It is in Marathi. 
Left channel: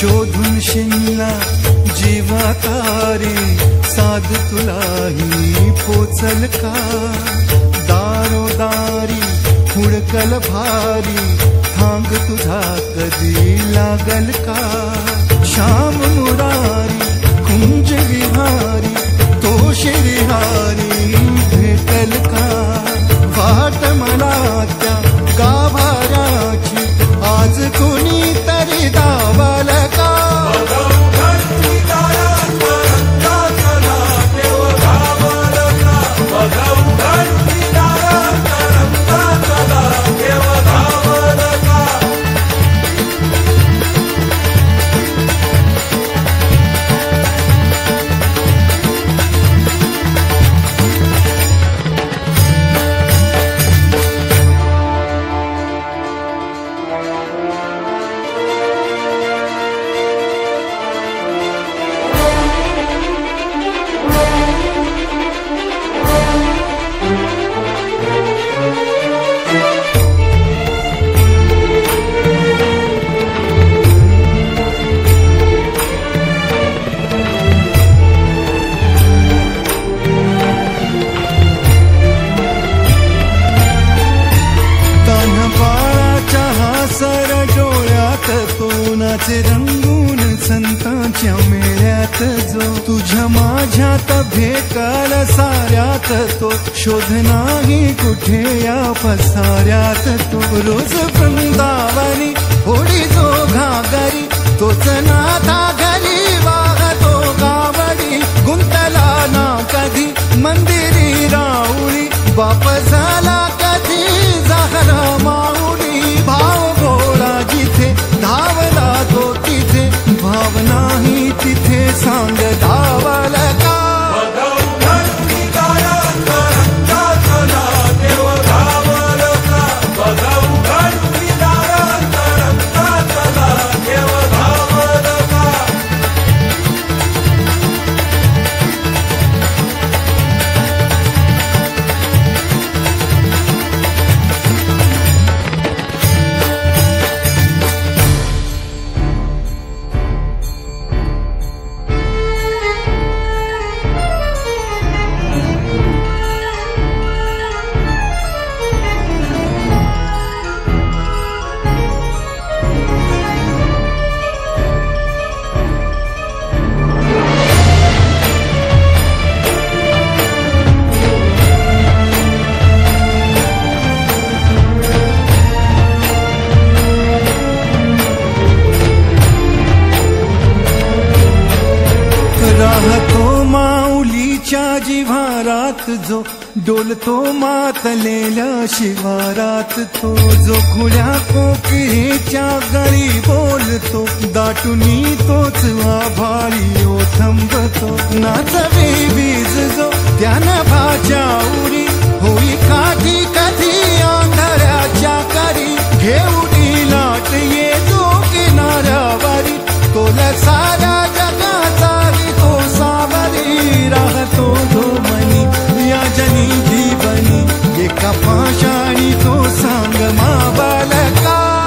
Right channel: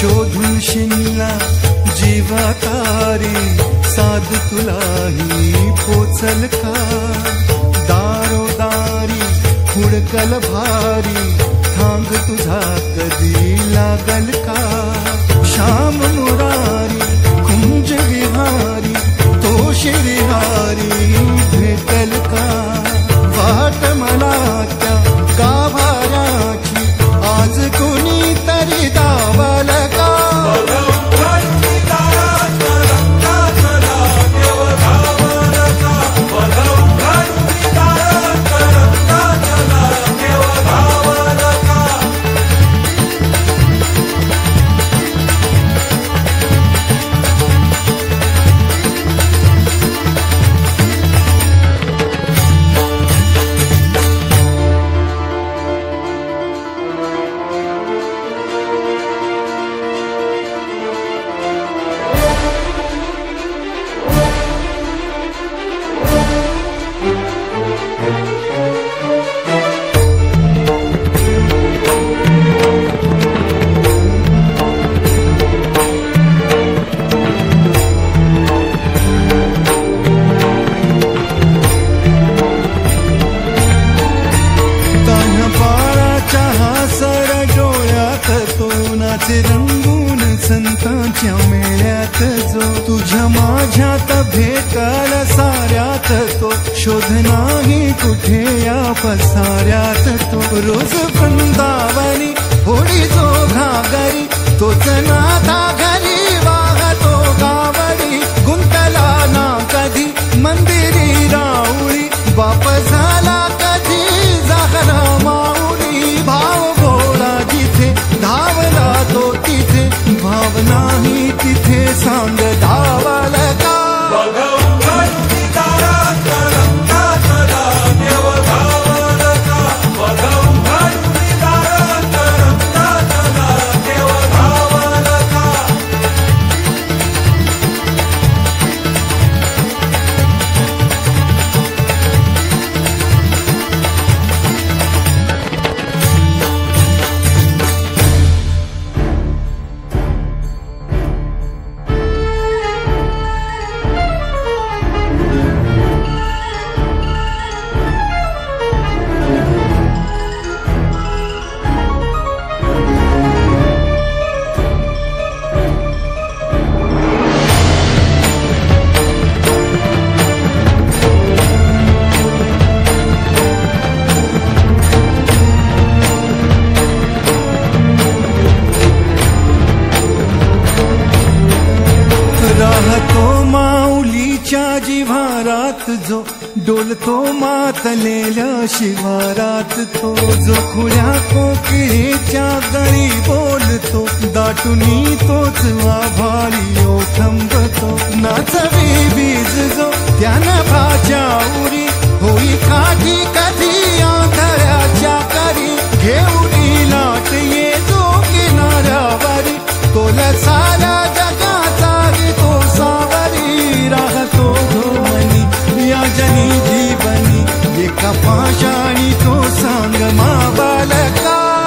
शोधून शिनला जीवा तारे साध तुलाही पोचल का दारोदारी हुडकल भारी थांग तुझा कधी लागल का श्याम मुरारी कुंज विहारी तो श्रीहारी भेटल का वाट मला त्या गाभाऱ्याची आज कोणी तरी दावल का सर डोळ्यात तो नाचे रंगून संतांच्या मेळ्यात जो तुझ्या माझ्यात भेटल साऱ्यात तो शोध नाही कुठे या पसाऱ्यात तो रोज वृंदावनी होडी जो घागरी तोच नाथा घरी वाहतो गावडी गुंतला ना कधी मंदिरी राऊळी बाप झाला कधी जाहरा माऊली भाव भोळा जिथे धावला तो तिथे भाव नाही तिथे सांग धावल का राहतो माऊलीच्या जिव्हारात जो डोलतो मातलेल्या शिवारात तो जो खुल्या कोकिळेच्या गळी बोलतो दाटुनी तोच आभाळी ओथंबतो नाचवी बीज जो त्यानं भाच्या उरी होई काठी कधी आंधळ्याच्या करी घेऊनी लाट ये जो किनाऱ्यावरी तोला साऱ्या जगाचा तो सावरी राहतो जो मनी या जनी जीवनी एका पाशाणी तो सांग मा बालका